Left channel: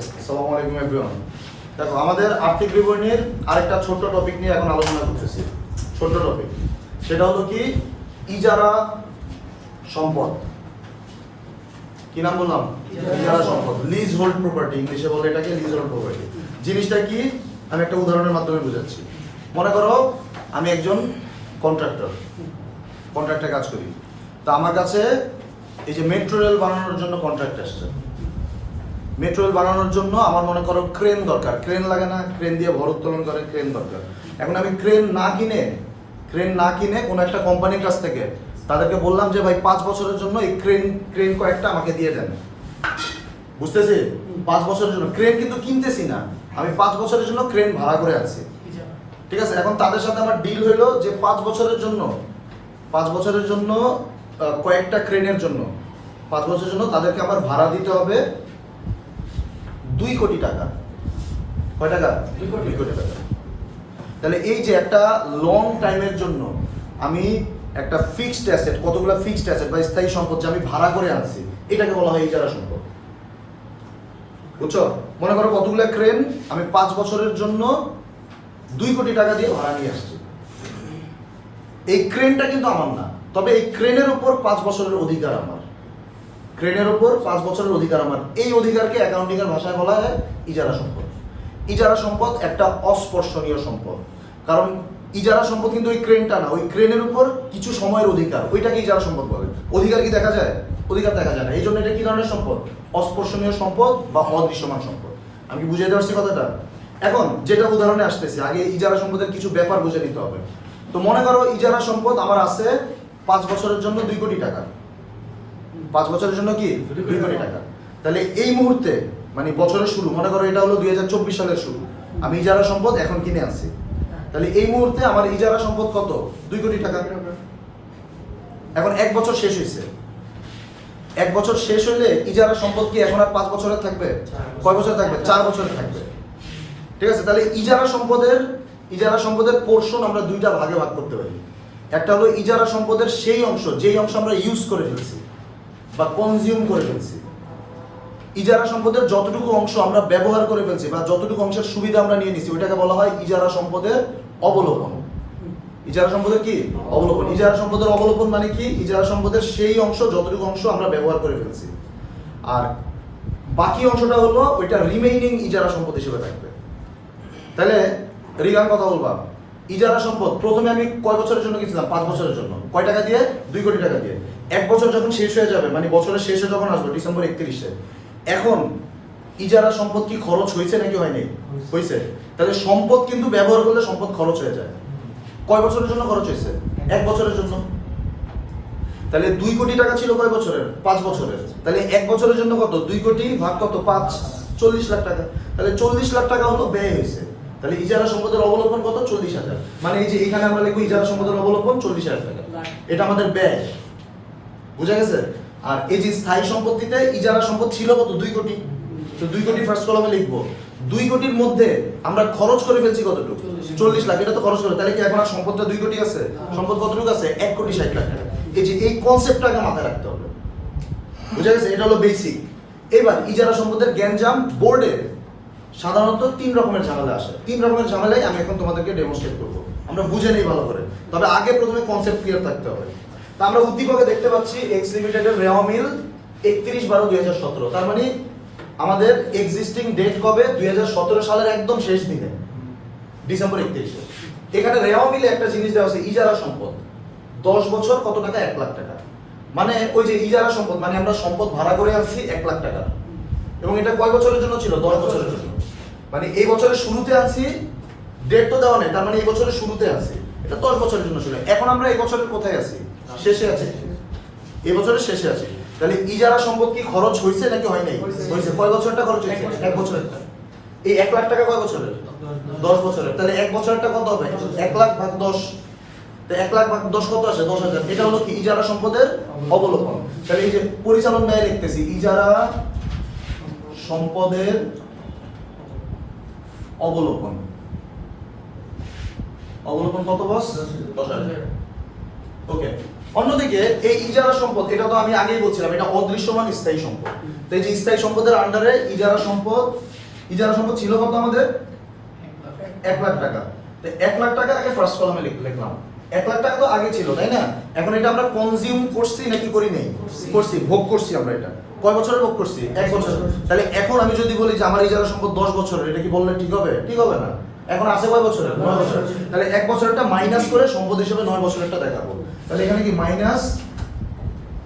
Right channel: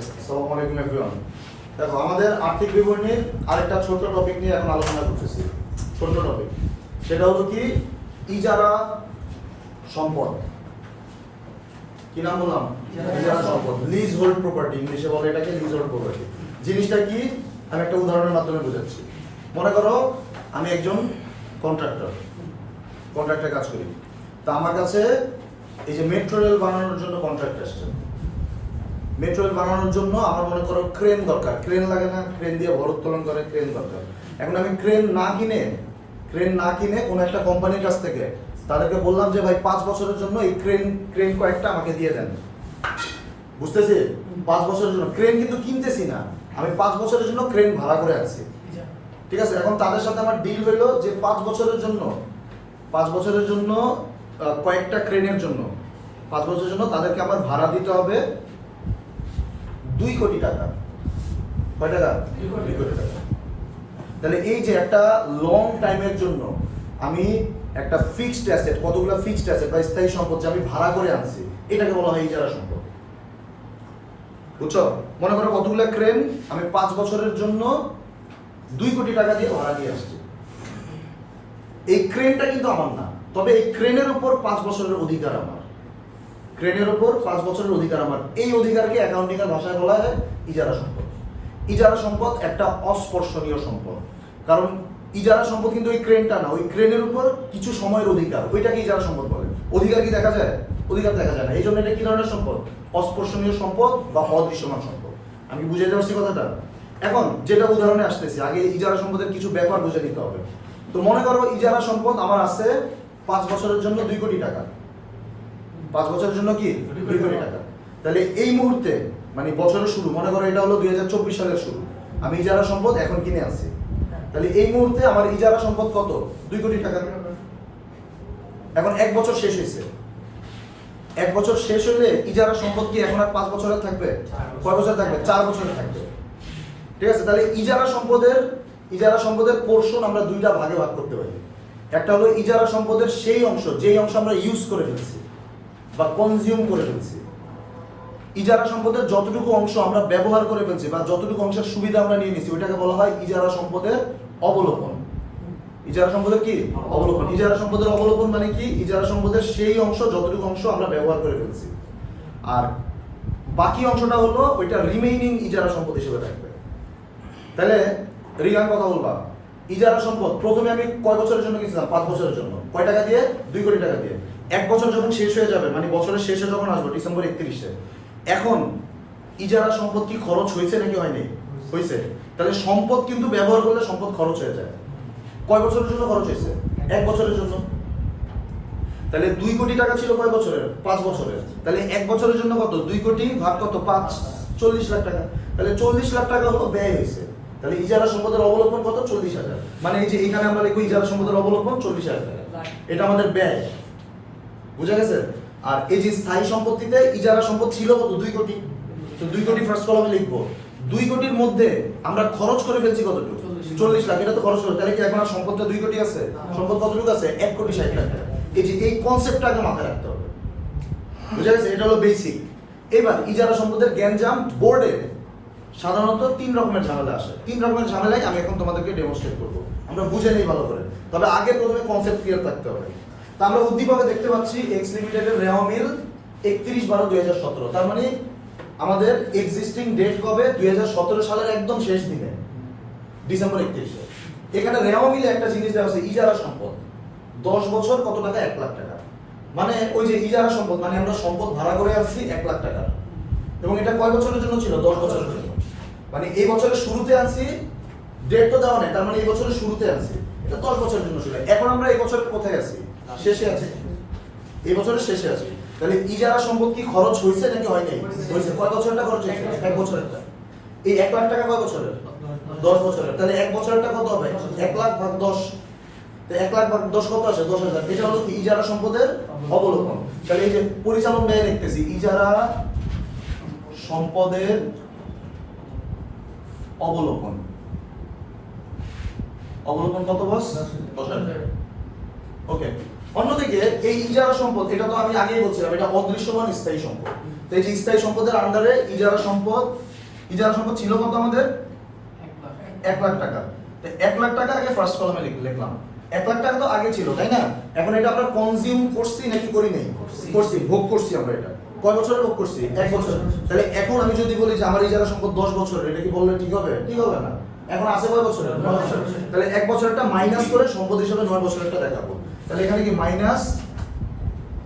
আসসালামু আলাইকুম এভরিওয়ান দেখো আমাদের আর্থিক বিবরণীর আরেকটা ছোট্ট টপিক নিয়ে এখন আলোচনা করতেছি। ছোট্ট টপিক সেটা হলো কি? ইজারা সম্পদ। কি নাম বললাম? ইজারা সম্পদ। লিজ হোল্ড প্রপার্টি ইংলিশে বলে এটাকে লিজ হোল্ড প্রপার্টি জিনিসটা কি? আমি একটা উদাহরণের মাধ্যমে বোঝাচ্ছি। মনে করো আমি একজন কন্ট্রাক্টর কন্ট্রাক্টে কাজ করি। তা আমার কাছে এই যে মেট্রো রেল বানানোর জন্য কন্ট্রাক্ট আসছে। মেট্রো বানানোর জন্য আমার মনে করো ক্রেন দরকার। ক্রেন লাগে না, ক্রেন দিয়ে ভর উত্তোলন করে, ক্রেন দরকার। এখন আমি ক্রেন না কিনে, ক্রেন না কিনে কোনো একটা কোম্পানির কাছ থেকে তাদেরকে বললাম যে, ভাই, পাঁচ বছরের জন্য এই ক্রেন ক্রেন কয়েকটা আমাকে দিয়ে দেন। বুঝতেছি? পাঁচ বছরের জন্য। ক্রেন কিন্তু কিনতেছি না। আমি পাঁচ বছরের জন্য ক্রেন ভাড়া করে আছি ঠিক আছে? এখন তাদের সাথে আমার ডিল হইল যে, পাঁচ বছরের জন্য, পাঁচ বছরের জন্য কয়েকটা ক্রেনের জন্য, পাঁচ বছরের জন্য তাদেরকে আমার ভাড়া দিতে হবে। দুই কোটি টাকা। কয় টাকা? দুই কোটি। টাকা। তাহলে এই যে একটা লং টাইমের জন্য আমি একটা ফিক্সড অ্যাসেট কতগুলো ফিক্সড অ্যাসেট বা স্থায়ী সম্পদ যে আমি ভাড়া করে আনছি এটাকে বলা হয় ইজারা সম্পদ। বুঝছ? মনে করো কতগুলো ক্রেন আমি পাঁচ বছরের জন্য দুই কোটি টাকা দিয়ে ভাড়া নিয়ে আসছি। এই ক্রেনটা কিন্তু আমার না তবে এই ক্রেনের উপর পাঁচ বছরের অধিকার আমার। ক্রেনের উপর পাঁচ বছরের অধিকার আমার। এই অধিকারকে অ্যাকাউন্টিং এর ভাষায় বলা হয় ইজারা সম্পদ। ইজারা সম্পদ একটা অস্পর্শনীয় সম্পদ। কারণ ইজারা সম্পদ কিন্তু ওই ক্রেনটা না, ওই ক্রেনের উপর কিছু সময়ের অধিকার। ওইটাকে ইজারা সম্পদ বলে। অধিকার কি দেখা যায়? অধিকার দেখা যায় না। এই জন্য এটা কি ধরনের সম্পদ? অস্পর্শনীয় সম্পদ বা অদৃশ্যমান সম্পদ। আমি বুঝাইতে পারছি কথাটা? এখন যেটা উদাহরণে আসতেছি, আগে ইজারা সম্পদের কিছু ব্যাপার বুঝে নিতে হবে। তো মনে করো ইজারা সম্পদ আমার আছে পাঁচ বছরের জন্য দুই কোটি টাকা। পাঁচ বছরের জন্য কি? দুই কোটি টাকা তাহলে এই মুহূর্তে মানে বছরের শুরু, মনে করো এটা হলো দুই হাজার চব্বিশ সালের শুরু, আমি ইজারা সম্পদ এখন কিনে আনছি। তাহলে এই মুহূর্তে আমার ইজারা সম্পদ কত? দুই কোটি টাকা। এখন এক বছর শেষ হয়েছে। এক বছর শেষ হইলে ইজারা সম্পদ কি এখন আর পাঁচ বছরের থাকবে? কয় বছর থাকবে? চার বছরের থাকবে। ঠিক আছে? তাহলে ইজারা সম্পদের ইজারা সম্পদের পোর্শন আমরা দুইটা ভাগে ভাগ করতে পারি। একটা হলো ইজারা সম্পদের সেই অংশ, যেই অংশ আমরা ইউজ করে ফেলছি। বা কনজিউম করে ফেলছি। ইজারা সম্পদের যতটুকু অংশ আমরা ব্যবহার করে ফেলছি বা যতটুকু অংশের সুবিধা আমরা নিয়ে নিছি, ওইটাকে বলা হয় ইজারা সম্পদের অবলোপন। ইজারা সম্পদের কি? অবলোপন। ইজারা সম্পদের অবলোপন মানে কি? ইজারা সম্পদের সেই অংশ, যতটুকু অংশ আমরা ব্যবহার করে ফেলছি। আর বাকি অংশটা হলো ওইটা রিমেইনিং ইজারা সম্পদ হিসেবে থাকবে। তাহলে রিগান কথা বলবা। ইজারা সম্পদ, প্রথমে আমি কয় বছরের জন্য কিনছিলাম পাঁচ বছরের জন্য। কয় টাকা দিয়ে? দুই কোটি টাকা দিয়ে। এক বছর যখন শেষ হয়ে যাবে মানে বছরের শেষে যখন আসব, ডিসেম্বর একত্রিশে, এখন ইজারা সম্পদ কি খরচ হয়েছে নাকি হয়নি? হয়েছে। তাহলে সম্পদ কিন্তু ব্যবহার করলে সম্পদ খরচ হয়ে যায়। কয় বছরের জন্য খরচ হয়েছে? এক বছরের জন্য। তাহলে দুই কোটি টাকা ছিল কয় বছরের? পাঁচ বছরের। তাহলে এক বছরের জন্য কত? দুই কোটি ভাগ কত? পাঁচ। চল্লিশ লাখ টাকা। তাহলে চল্লিশ লাখ টাকা হলো ব্যয় হয়েছে। তাহলে ইজারা সম্পদের অবলম্বন কত? চল্লিশ হাজার। মানে এই যে এখানে আমরা লিখব ইজারা সম্পদের অবলম্বন চল্লিশ হাজার টাকা। এটা আমাদের ব্যয়। বুঝা গেছে? আর এই যে স্থায়ী সম্পত্তিতে ইজারা সম্পদ ছিল কত? দুই কোটি। তো দুই কোটি ফার্স্ট কলমে লিখব। দুই কোটির মধ্যে আমরা খরচ করে ফেলছি কতটুকু? চল্লিশ। লাখ। এটা তো খরচ করে। তাহলে কি এখন আর সম্পদটা দুই কোটি আছে? সম্পদ কতটুকু আছে? এক কোটি ষাট লাখ টাকা। এই যে এই কনসেপ্টটাকে মাথায় রাখতে হবে। বুঝা গেছে? এটা হলো বেসিক এবার ইজারা সম্পদের জ্ঞানজাম বোর্ডে সাধারণত তিন রকমের ঝামেলা আসে। তিন রকমের ঝামেলাই আমি এখন তোমাদেরকে ডেমনস্ট্রেট করব। আমরা বুঝে নেই ভালো করে। তবে আগে প্রথমে কনসেপ্ট ক্লিয়ার থাকতে হবে। তা আমরা উদ্দীপকে দেখতে পাচ্ছি এক্স লিমিটেডের রেওয়া মিল একত্রিশ বারো দুই হাজার সতেরো। তার মানে আমাদের এক্সিস্টিং ডেট কবে? দুই হাজার সতেরো সালের একদম শেষ দিনে। ডিসেম্বর একত্রিশে। এখানে রেওয়া মিলে একটা জিনিস দেওয়া আছে, ইজারা সম্পদ। দশ বছর কত টাকা? এক লাখ টাকা। মানে ওই যে ইজারা সম্পদ মানে আমরা সম্পদ ভাড়া করে আসছি এক লাখ টাকা। এবং এটা কয় বছরের জন্য ছিল? দশ বছরের জন্য। মানে এই বছরের শুরুতে আনছি ডেট তো দেওয়া নেই, তার মানে এই বছরের শুরুতে আছি এটা দশ বছরের জন্য ছিল। এখন আমরা এই বছরের কোথায় আছি? শেষে আছি। এই বছরের শেষে আছি। তাহলে ইজারা সম্পদ কি খরচ হয়েছে নাকি হয় নাই? হয়েছে। কয় বছরটা খরচ হয়েছে? এক বছরেরটা। এই এক লাখ টাকা কয় বছরের? দশ বছরের। তাহলে এক বছরেরটা কত হবে? এক লাখ ভাগ দশ। তো এক লাখ ভাগ দশ কত আছে? দশ হাজার। এটা হলো কি ইজারা সম্পদের অবলোকন। তাহলে এই যে পরিচালন ব্যয় লিখতেছি ইজারা সম্পদের অবলোকন। অবলোকন কত বস? দশ হাজার। ওকে। অন্যদিকে এই ইজারা সম্পদ এটা তো আমি আগেই বলছিলাম এটা অদৃশ্যমান স্থায়ী সম্পদ। তো এই যে স্থায়ী সম্পদের আন্ডারে ইজারা সম্পদ ইজারা সম্পদ ছিল কত আমাদের? এক লাখ টাকা। তো এক লাখ টাকা আগে ফার্স্ট কলমে লিখলাম। এক লাখ টাকা তো আগে ছিল তাই না? এখন এটা আমরা কনজিউম করছি নাকি করি নাই? করছি। ভোগ করছি আমরা এটা। কয় বছরের ভোগ করছি? এক বছর তাহলে এখন আমি যদি বলি যে আমার ইজারা সম্পদ দশ বছরের এটা কি বললে ঠিক হবে? ঠিক হবে না। এখন আছে কয় বছরের? নয় বছর তাহলে এক বছরটা মাইনাস করে সম্পদ হিসেবে নয় বছরেরটা দেখাবো। তাহলে এখানে কি মাইনাস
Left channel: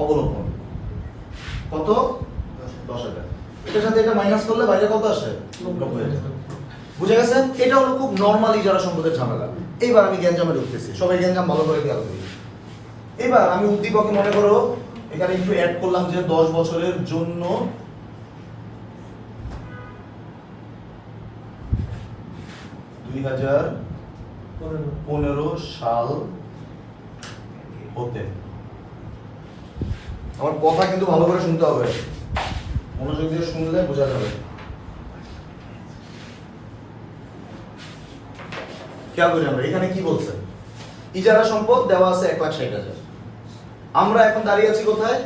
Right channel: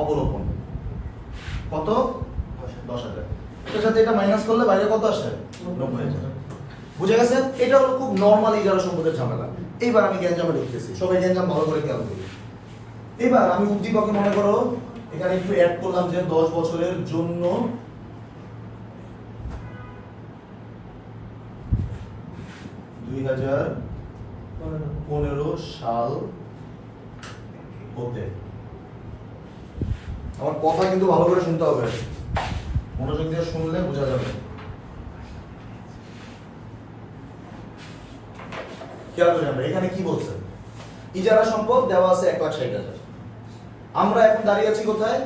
অবলোকন কত? দশ হাজার। এটার সাথে এটা মাইনাস করলে বাইরে কত আসে? নব্বই হাজার। বুঝে গেছে? এটা হলো খুব নর্মালি যারা সম্পদের ঝামেলা। এইবার আমি গ্যাঞ্জামে ঢুকতেছি। সবাই গ্যাঞ্জাম ভালো করে খেয়াল করি। এবার আমি উদ্দীপকে মনে করো, এখানে একটু অ্যাড করলাম যে দশ বছরের জন্য দুই হাজার পনেরো সাল হতে আমার কথা কিন্তু ভালো করে শুনতে হবে। মনোযোগ দিয়ে শুনলে বোঝা যাবে। খেয়াল করি আমরা এখানে কি বলছে? ইজারা সম্পদ দেওয়া আছে এক লাখ ষাট হাজার। আমরা এখন দাঁড়িয়ে আছি কোথায়?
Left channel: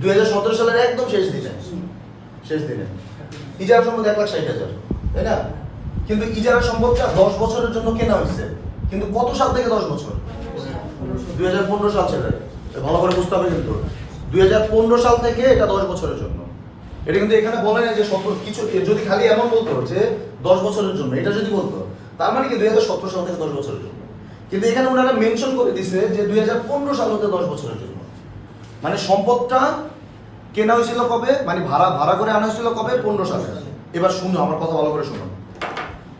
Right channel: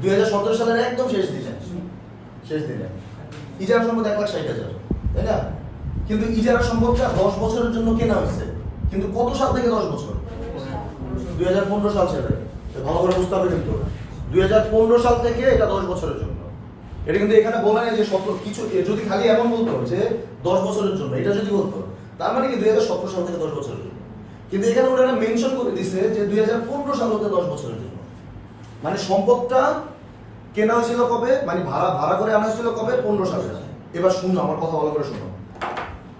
দুই হাজার সতেরো সালের একদম শেষ দিনে। শেষ দিনে। ইজারা সম্পদ এক লাখ ষাট হাজার, তাই না? কিন্তু ইজারা সম্পদটা দশ বছরের জন্য কেনা হয়েছে। কিন্তু কত সাল থেকে দশ বছর? দুই হাজার পনেরো সাল ছেড়ে ভালো করে বুঝতে হবে কিন্তু। দুই হাজার পনেরো সাল থেকে এটা দশ বছরের জন্য। এটা কিন্তু এখানে বলে না যে সতেরো কিছু যদি খালি এমন বলতো যে দশ বছরের জন্য, এটা যদি বলতো, তার মানে কি দুই হাজার সতেরো সাল থেকে দশ বছরের জন্য? কিন্তু এখানে ওনারা মেনশন করে দিছে যে দুই হাজার পনেরো সাল হতে দশ বছরের জন্য। মানে সম্পদটা কেনা হয়েছিল কবে? মানে ভাড়া ভাড়া করে আনা হয়েছিল কবে? পনেরো সালে। এবার শুনো, আমার কথা ভালো করে শুনো।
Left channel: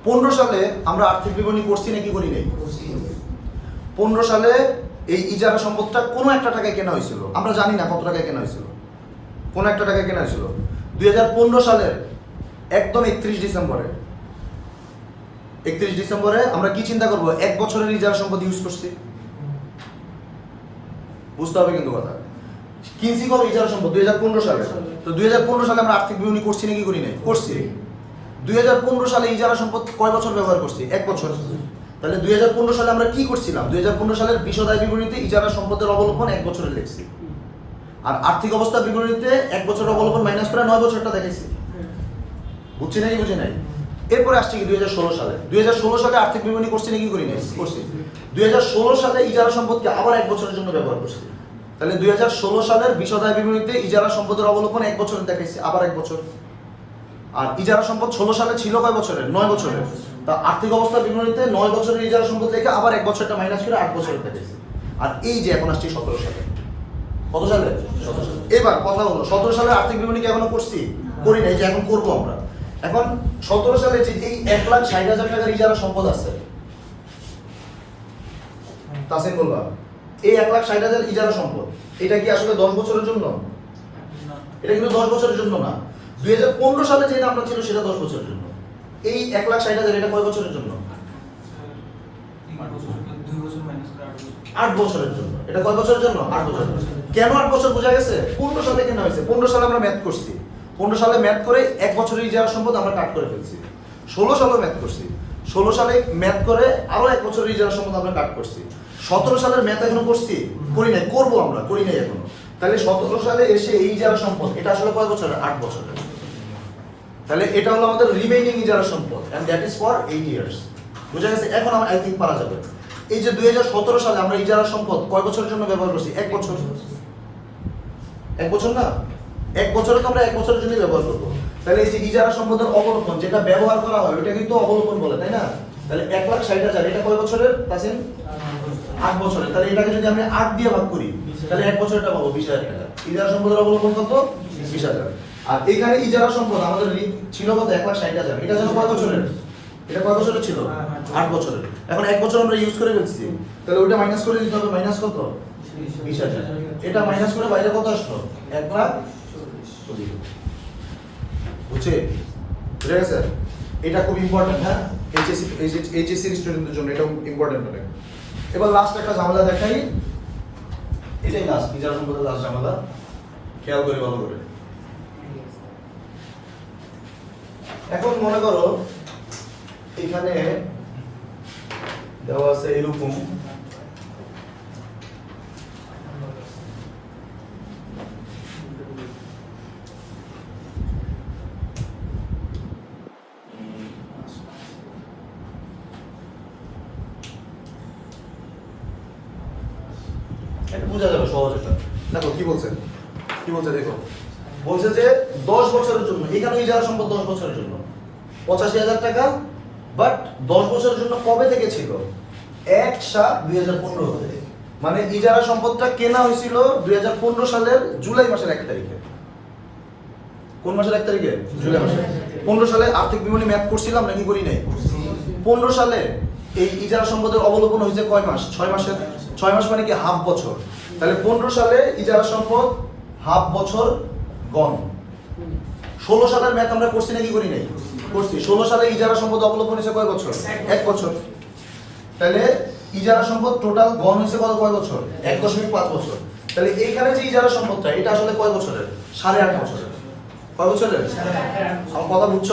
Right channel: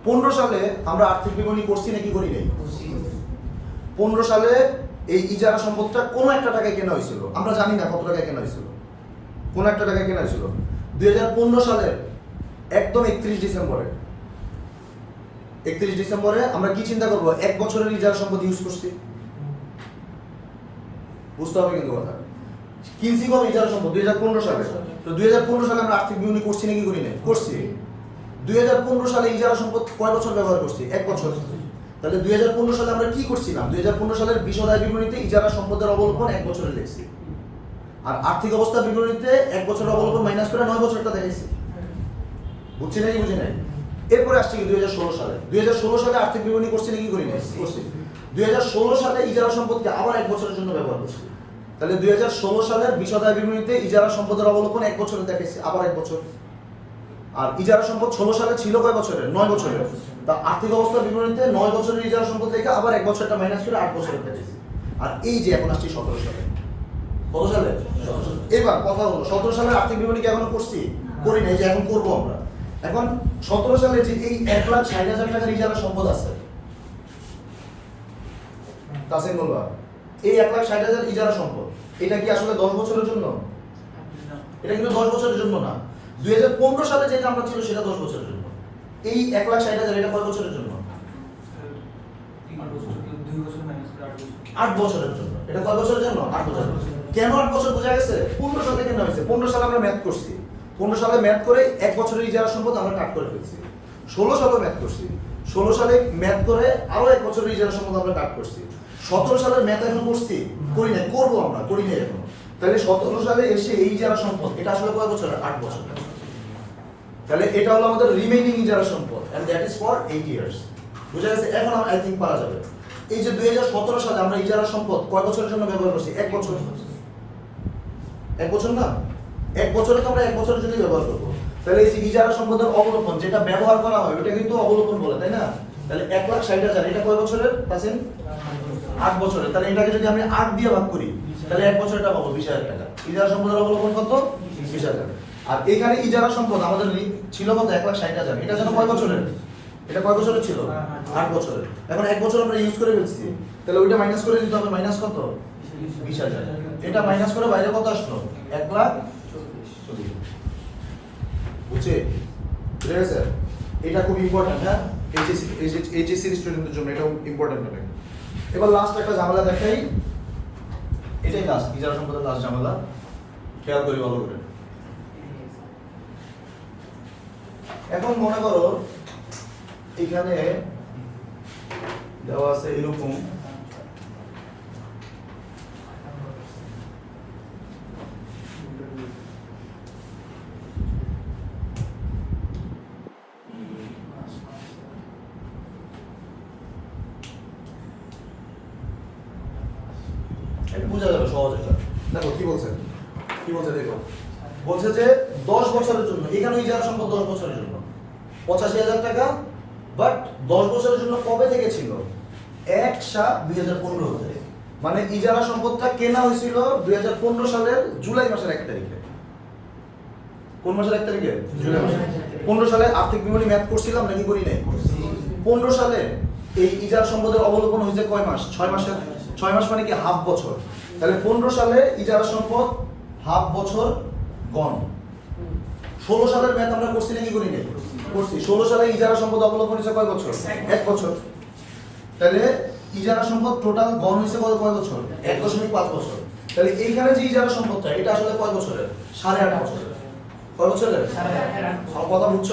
পনেরো সালে আমরা আর্থিক বিবরণী করছি নাকি করি নাই? পনেরো সালে এই ইজারা সম্পদটা কোনো একটা টাকায় কেনা হয়েছিল। আমরা জানি না কত টাকায় কেনা হয়েছিল। কোন একটা টাকায় কেনা হয়েছিল। দুই হাজার পনেরো সালের একদম একত্রিশ ডিসেম্বরে। একত্রিশ ডিসেম্বরে আমরা কি চিন্তা করব? এক বছরের ইজারা সম্পদ ইউজ করছি। বুঝতে হবে কিন্তু কথা। কিনছি কবে ইজারা সম্পদ? দুই হাজার পনেরো সালে। তো দুই হাজার পনেরো সালে আমরা আর্থিক বিবরণী করছি নাকি করি নাই? করছি। দুই হাজার পনেরো সালে ইজারা সম্পদ কয় বছর ব্যবহার করছি? এক বছর। তাহলে দুই হাজার পনেরো সালে আমরা কি করছিলাম? দুই হাজার পনেরো সালের বিশদায় বিবরণীতে ইজারা সম্পদের অবলম্বন এক বছরে লিখছি আর আর্থিক অবস্থার বিবরণীতে এক বছরের অবলম্বন মাইনাস করে নয় বছরটা দেখেছি বুঝছি নাকি বুঝি নাই? এরপরে আসছে কি দুই হাজার ষোলো সালে? দুই হাজার ষোলো সালে আর্থিক বিবরণী করছি নাকি করি নাই? করছি। দুই হাজার ষোলো সালে ইজারা সম্পদকে আবার এক বছরের জন্য ব্যবহার করছি। তাহলে দুই হাজার ষোলো সালের বিশদায় বিবরণীতে ইজারা সম্পদের অবলম্বন এক বছরে দেখেছি আবার এক বছর। আর ইজারা সম্পদ ষোলো সালে ছিল কয় বছরের? নয় বছরের। তা আর্থিক অবস্থার বিবরণীতে নয় বছরের ইজারা সম্পদ থেকে আবার এক বছরটা মাইনাস করে আট বছরের দেখেছি আর এই যে এখন আসছি সতেরো সালে। কত সালে? এবার কথা হলো, সতেরো সালে আর্থিক বিবরণী কি এখনও করছি? করি নাই, যে এখন করব আমরা। এখন সতেরো সালে যে এই এক লাখ ষাট হাজার টাকার ইজারা সম্পদ আছে, তাসিম বলবা, এই এক লাখ ষাট হাজার ইজারা সম্পদ, এটা কি আসলে দশ বছরের জন্য? এটা কিন্তু দশ বছরের জন্য না। দুই হাজার পনেরো সালে ছিল সেটা দশ বছরের জন্য। এই এক লাখ ষাট হাজার এটা কয় বছরের জন্য? আট বছরের জন্য। এটা কয় বছরের জন্য? আট বছরের কেন আট বছর বোঝা গেছে? পনেরো সালে কেন হয়েছে? পনেরো সালে আমরা ম্যাথ করছি। পনেরো সালে ম্যাথ করে এক বছরের ইজারা সম্পদ আমরা কাট করে ফেলছি। ষোলো সালে ম্যাথ করছি। ষোলো সালে ম্যাথ করে আরও এক বছরের ইজারা সম্পদ আমরা কাট করছি। সতেরো সালের ম্যাথ এখনও করছি। করি নাই, করব আমরা, করি নাই এখনও। তাহলে সতেরো সালে এসে এই ইজারা সম্পদ, এটা আসলে কয় বছর? আট বছর। তাহলে এটা হলো আমাদের রিমেইনিং ইজারা সম্পদ and that is for eight years বুঝা গেছে? এখন আমরা আই থিঙ্ক পারা যাবে। এই যে দুই হাজার সতেরো সালে আমরা ইজারা সম্পদ, কয় বছরের জন্য ব্যবহার করছি? এক বছর। এক বছর না? এক বছরে তো আমরা এক বছরের জন্য ব্যবহার করব। তাহলে এই যে ইজারা সম্পদের অবলোপন যেটা ব্যবহার করা হয় ওটা কিন্তু অবলোপন বলে, তাই না? তাহলে এক লাখ ষাট হাজার, এটা কয় বছরের পাচ্ছেন আট বছরের। তাহলে এটাকে যদি আমি আট দিয়ে ভাগ করি, তাহলে এক বছরটা পাবো, বিশ হাজার টাকা। ইজারা সম্পদের অবলম্বন কত? বিশ হাজার। আর এখানে ইজারা সম্পদ আমাদের ছিল কত? এক লাখ ষাট হাজার। এটা যেন কয় বছরের? এটা কয় বছরের ছিল? আট বছরের। এখন এক বছর আমরা ইউজ করে ফেলছি। তাহলে ওইটা মাইনাস করে দিতে হবে। মাইনাস কত? বিশ হাজার। এটা মাইনাস করে বাইরে কত আসলো? এক লাখ। বুঝছে? বুঝে গেছে? এটা খুব ইম্পর্টেন্ট হ্যাঁ? এইচএসসি এইচএসসি স্টুডেন্টদের জন্য এটা ইম্পর্টেন্ট অনেক এবার লাস্ট একটা ঝামেলা দেখাই। এটাই লাস্ট ইজারা সম্পদের লাস্ট ঝামেলা। খেয়াল করি ভালো করে। এখন মনে করো, এখানে দেওয়া আছে এরকম। দেখো, কি বলছে? কি বলছে দেখো? বলছে যে দশ বছরের জন্য এখানে ওই সম্ভব দশ বছরের জন্য পঁচাশি হাজার টাকা বাট দশ বছরের জন্য কবে থেকে ছিল? এক সাত দুই হাজার পনেরো থেকে। মানে ইজারা সম্পদটা কেনা হয়েছিল দুই হাজার পনেরো সালের জুলাই মাসের এক তারিখে। কোন মাসের এক তারিখে? জুলাই মাসে। পনেরো সালে আর্থিক বিবরণী করছিলাম নাকি করি নাই। পনেরো সালে এই ইজারা সম্পদের অবলোপন হয়েছে কয় মাস? ছয় মাসের, ছয় মাস মানে কি হাফ বছর? তাহলে পনেরো সালে ইজারা সম্পদ হাফ বছর গণ। ষোলো সালের ম্যাথ আমরা করছি নাকি করি নাই? করছি। ষোলো সালে ইজারা সম্পদ অবলম্বন হয়েছে কয় বছর? এক বছর। তাহলে ইজারা সম্পদ টোটাল গণ হয়েছে কত কয় বছর? এক দশমিক পাঁচ বছর। তাহলে এইখানে যে ইজারা সম্পদটা, এটা আসলে কয় বছরের? সাড়ে আট বছরের। কয় বছরের? আমার কথা বুঝছ?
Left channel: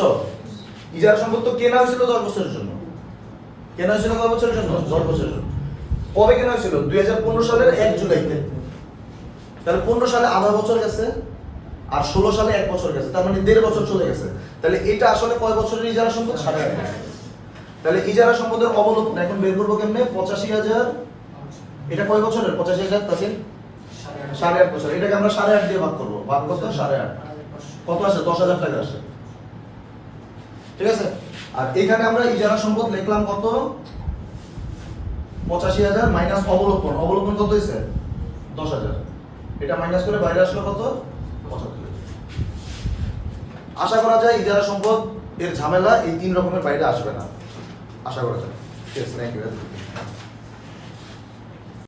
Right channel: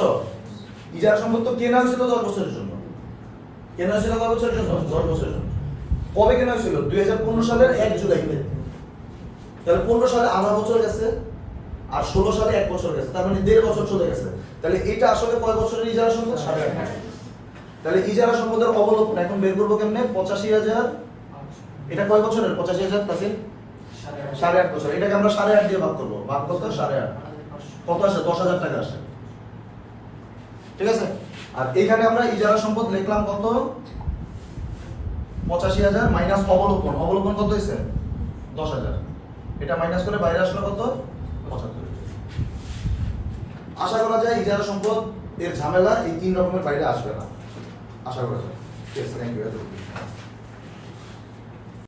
ইজারা সম্পদ তো কেনা হয়েছিল দশ বছরের জন্য। কেনা হয়েছিল কয় বছরের জন্য? দশ বছরের জন্য। কবে কেনা হয়েছিল? দুই হাজার পনেরো সালের এক জুলাইতে। তাহলে পনেরো সালে আধা বছর গেছে। আর ষোলো সালে এক বছর গেছে, তার মানে দেড় বছর চলে গেছে। তাহলে এটা আসলে কয় বছরের ইজারা সম্পদ? সাড়ে আট। তাহলে ইজারা সম্পদের অবলোপন এখন বের করব কেমনে? পঁচাশি হাজার। এটা কয় বছরের? পঁচাশি হাজার, তাকে? সাড়ে আট বছর। এটাকে আমরা সাড়ে আট দিয়ে ভাগ করব। ভাগ করতে সাড়ে আট। কত আসে? দশ হাজার টাকা আসে। ঠিক আছে? আর এখানে আমরা ইজারা সম্পদ লিখলাম কত? পঁচাশি হাজার মাইনাস অবলোপন অবলোপন কত হয়েছে দশ হাজার। এটা মাইনাস করে বাইরে আসলো কত? পঁচাত্তর। আশা করা যায় ইজারা সম্পদ এর ঝামেলা এই তিন রকমের বাইরে আসবে না। আশা করা যায়। Thank you